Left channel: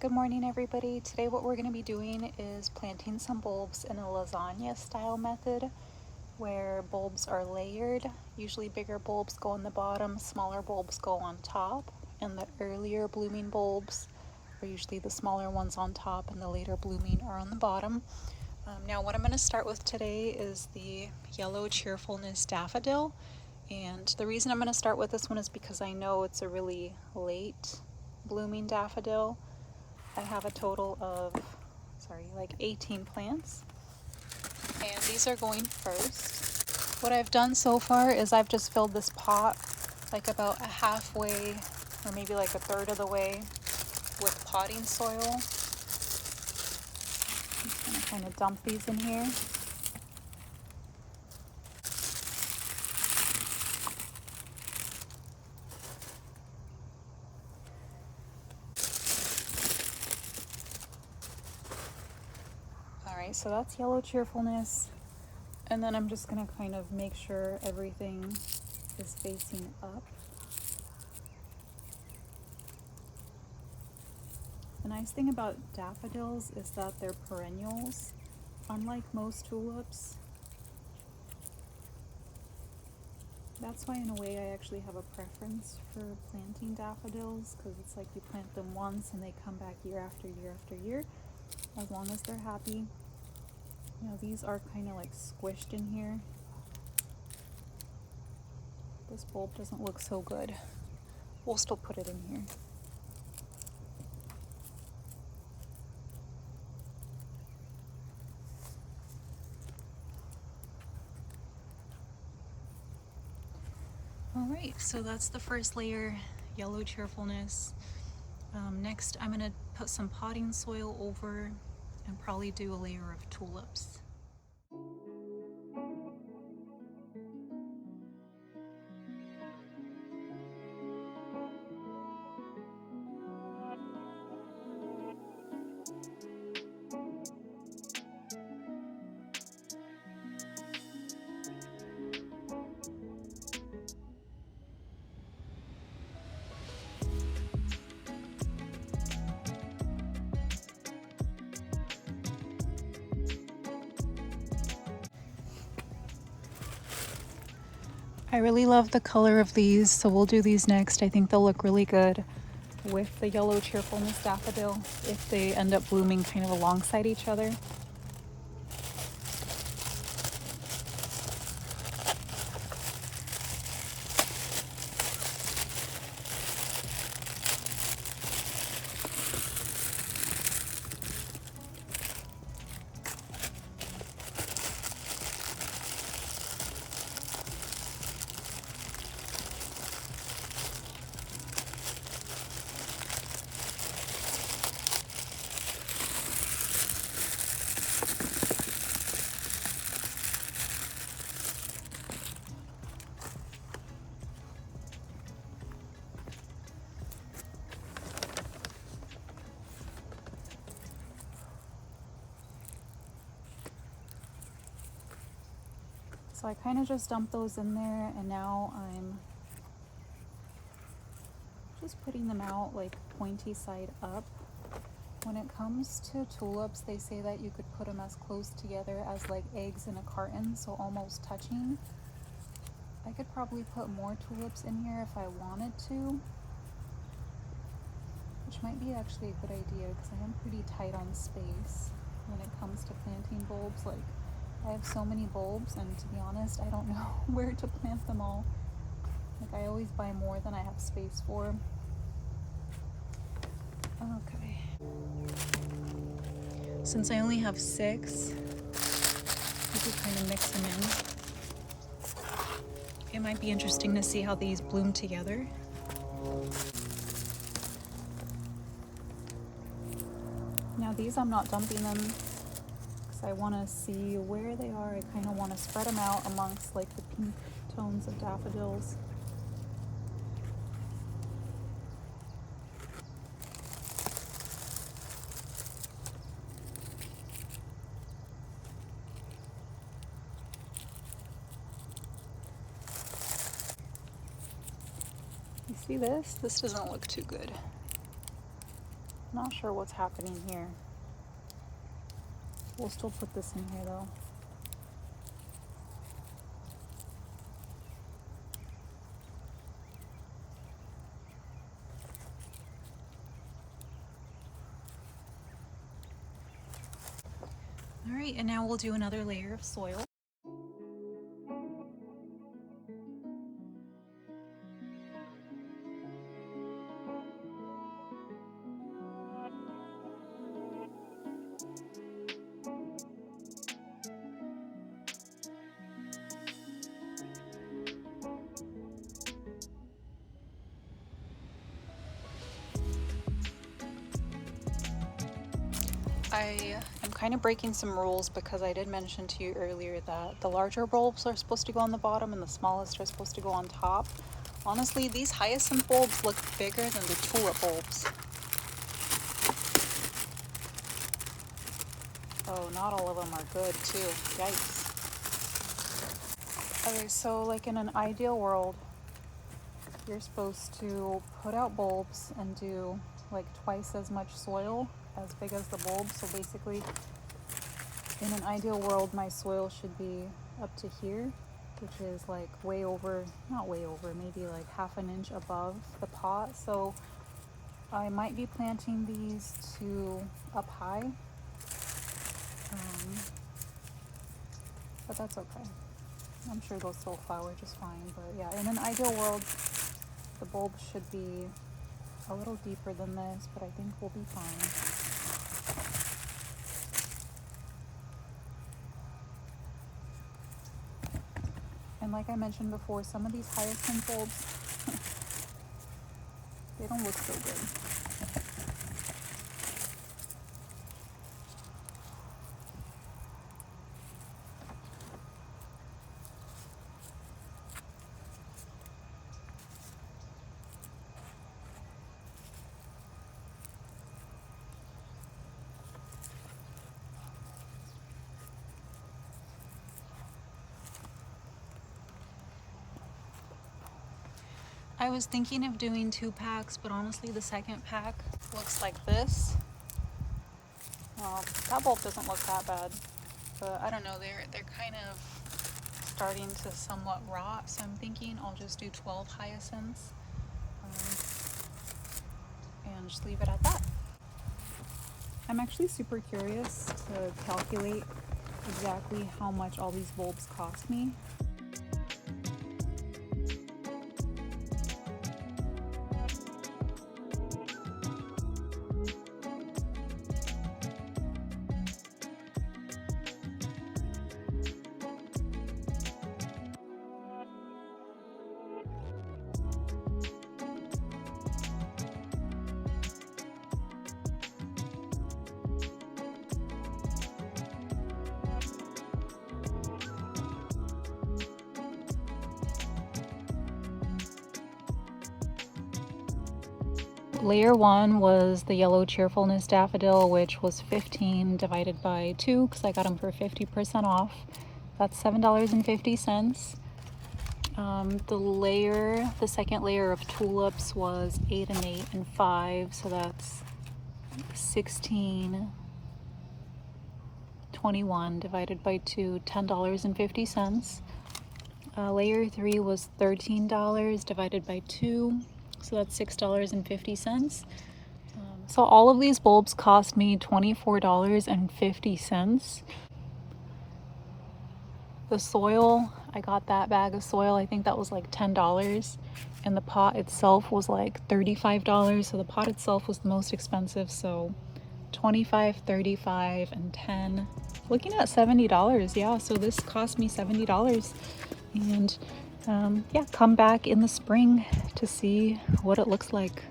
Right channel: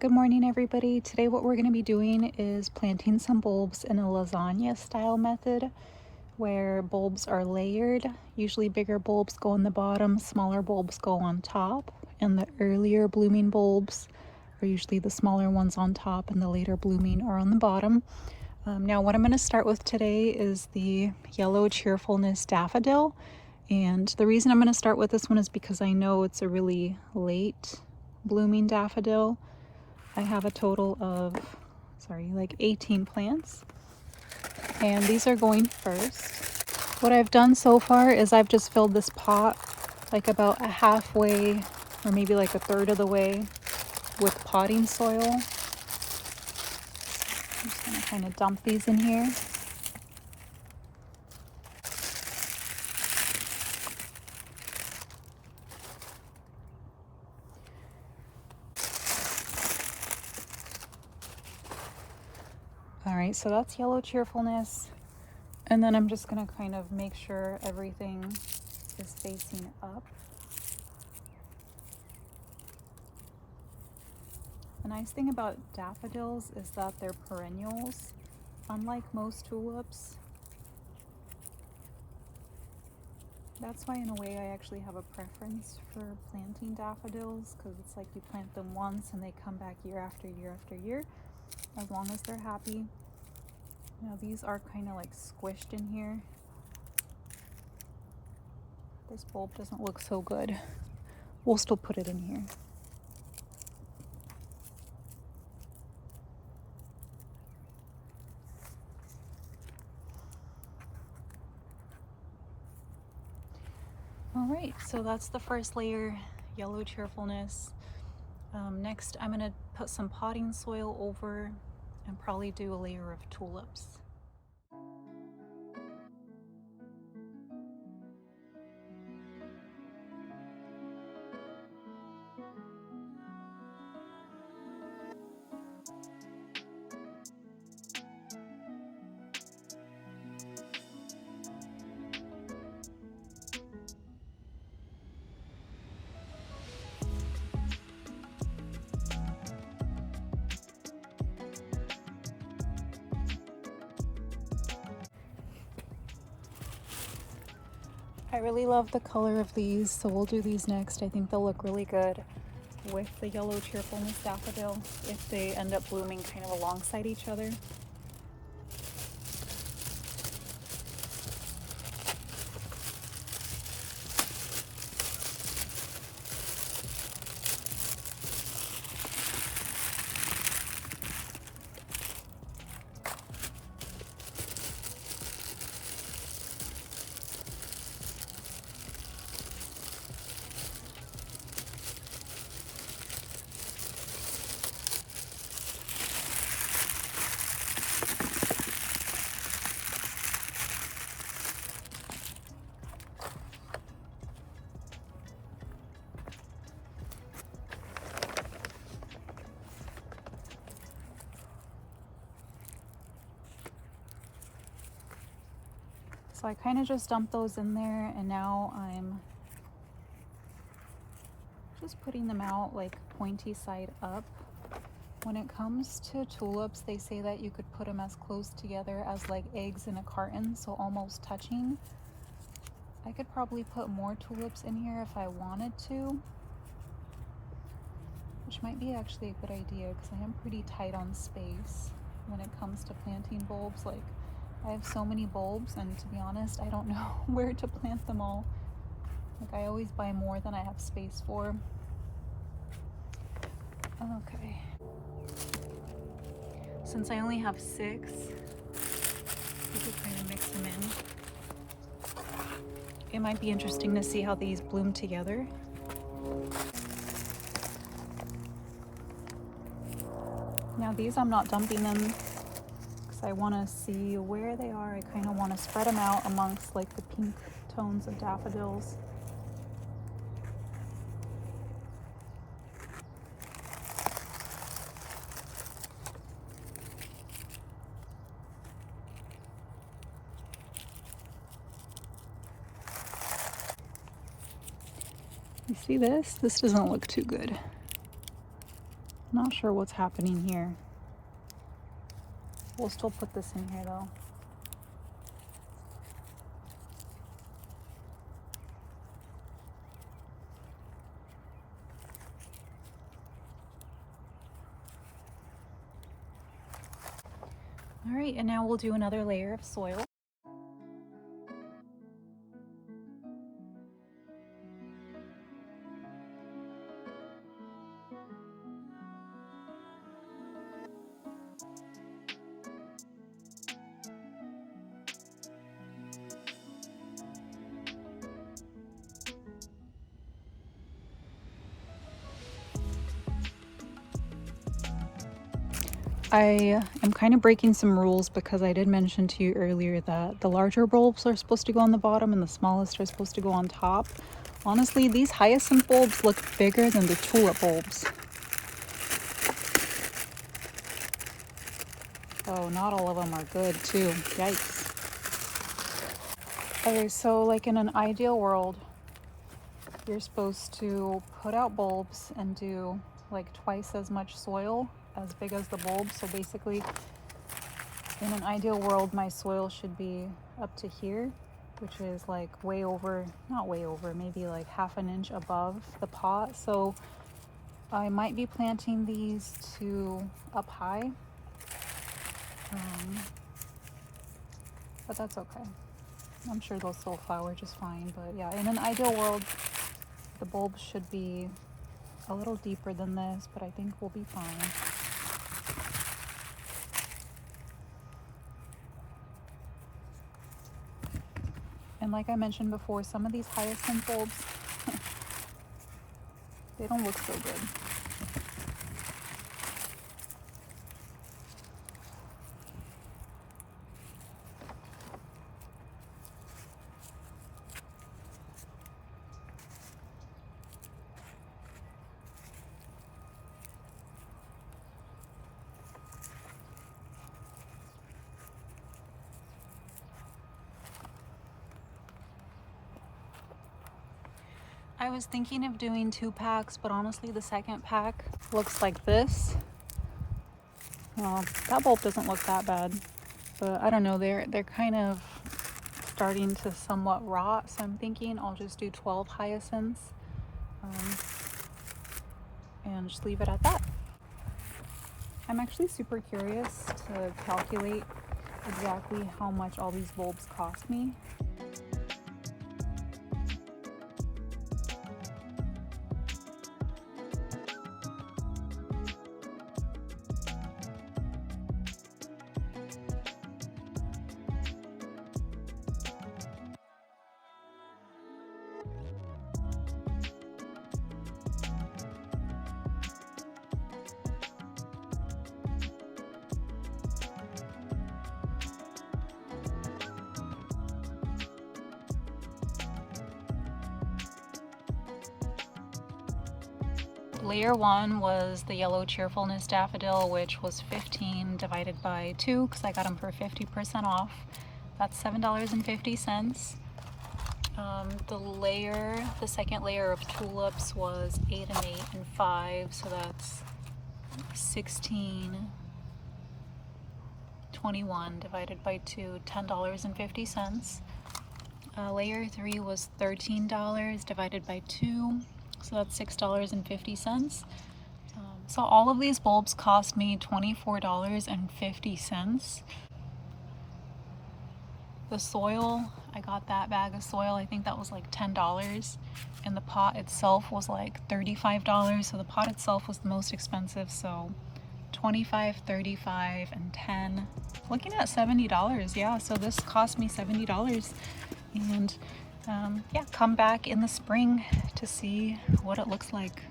Good morning, everybody. Today what we're going to be doing is planting some bulbs in a lasagna style method where bulbs are layered. Usually bigger bulbs go on the bottom, smaller bulbs go on top, and the earlier blooming bulbs are usually the smaller ones on top and the later blooming are on the bottom. Now what I'm going to start with today is the Yellow Cheerfulness Daffodil, and the reason I'm going to start with this one is because I know it's a really late blooming daffodil. I have a total of, like 18 plants, and these are going first. What I've done so far is I've just filled this pot like about a halfway or maybe like a third of the way with potting soil. I'm just gonna kind of dump these in here. Alright, so that's Yellow Cheerfulness. And then I'm just going to kind of make sure everything is facing up. The nice thing about daffodils is that they're perennials, unlike most tulips. That's why in a way I actually have a preference for planting daffodils, because it's like you plant them once and they come back year after year after year, as long as they're happy. Now these are kind of like squished in here. This bulb doesn't look so good. We'll still put it in here. Alright, so that's the first layer, Yellow Cheerfulness. Next I'm going to put some potting soil over and probably do a layer of tulips. I really love the color of these, so we'll do these next. I think they'll look really good with the Yellow Cheerfulness daffodil if they end up blooming kind of alongside each other. So I kind of just dumped those in there, and now I'm just putting them out like pointy side up. When it comes to tulips, they say that you could put them as close together as like eggs in a carton, so almost touching. I could probably put more tulips in here if I wanted to, which might be actually a good idea because I am pretty tight on space when it comes to planting bulbs. Like, I have so many bulbs, and to be honest, I don't know where to plant them all. Like, I always buy more than I have space for. Okay. Since I only have 6, you could kind of mix them in. It might be interesting to see how these bloom together. Now these I'm not dumping in because I want to see where they are. I kind of want to spread them out amongst like the pink tones of daffodils. You see this? This doesn't look too good. Not sure what's happening here. We'll still put this in here though. All right, and now we'll do another layer of soil. I am kind of breaking some rules because I did mention to you earlier that the larger bulbs are supposed to go on the bottom and the smallest are supposed to go on top. Honestly, these hyacinth bulbs look bigger than the tulip bulbs. Oh, not all of them are good too. Yikes. Okay, so like in an ideal world, you're supposed to put out bulbs and do like twice as much soil as big as the bulb. So basically, in an ideal world, my soil should be up to here, which is like way over, not way over, maybe like half an inch above the pot. So I might be planting these two up high, but that's okay. I'm sure they'll still flower just fine. But yeah, in an ideal world, the bulbs should be a little deeper than this, but I think we'll be fine. And like I mentioned before, some of these hyacinth bulbs, they don't look so good. I was thinking of doing 2 packs, but honestly the second pack looks like this. Well, that bulb doesn't look that bad, but I don't know, they're kind of starting to somewhat rot, so I'm thinking I'll just do 12 hyacinths and just leave it at that. I'm actually super curious to calculate exactly how much all these bulbs cost me. Layer 1 was the yellow cheerfulness daffodil, which was 15 divided by 2 because I got them for 50% off. That's $7.50. The second layer of tulips was 8 and 8 and 5, so that's 16.21 divided by 2, $10.50. Layer 3 was $13 divided by 2. So that's $6.50. So all of these bulbs cost me $24.50. The soil, I got that bag of soil, I think that was like $10. And the pot itself was like $35. So the pot itself was the most expensive. So $25, $35, and $10. Looking at $70, yeah. So this cost me $70. And yeah, come back in the spring to see what it looks like.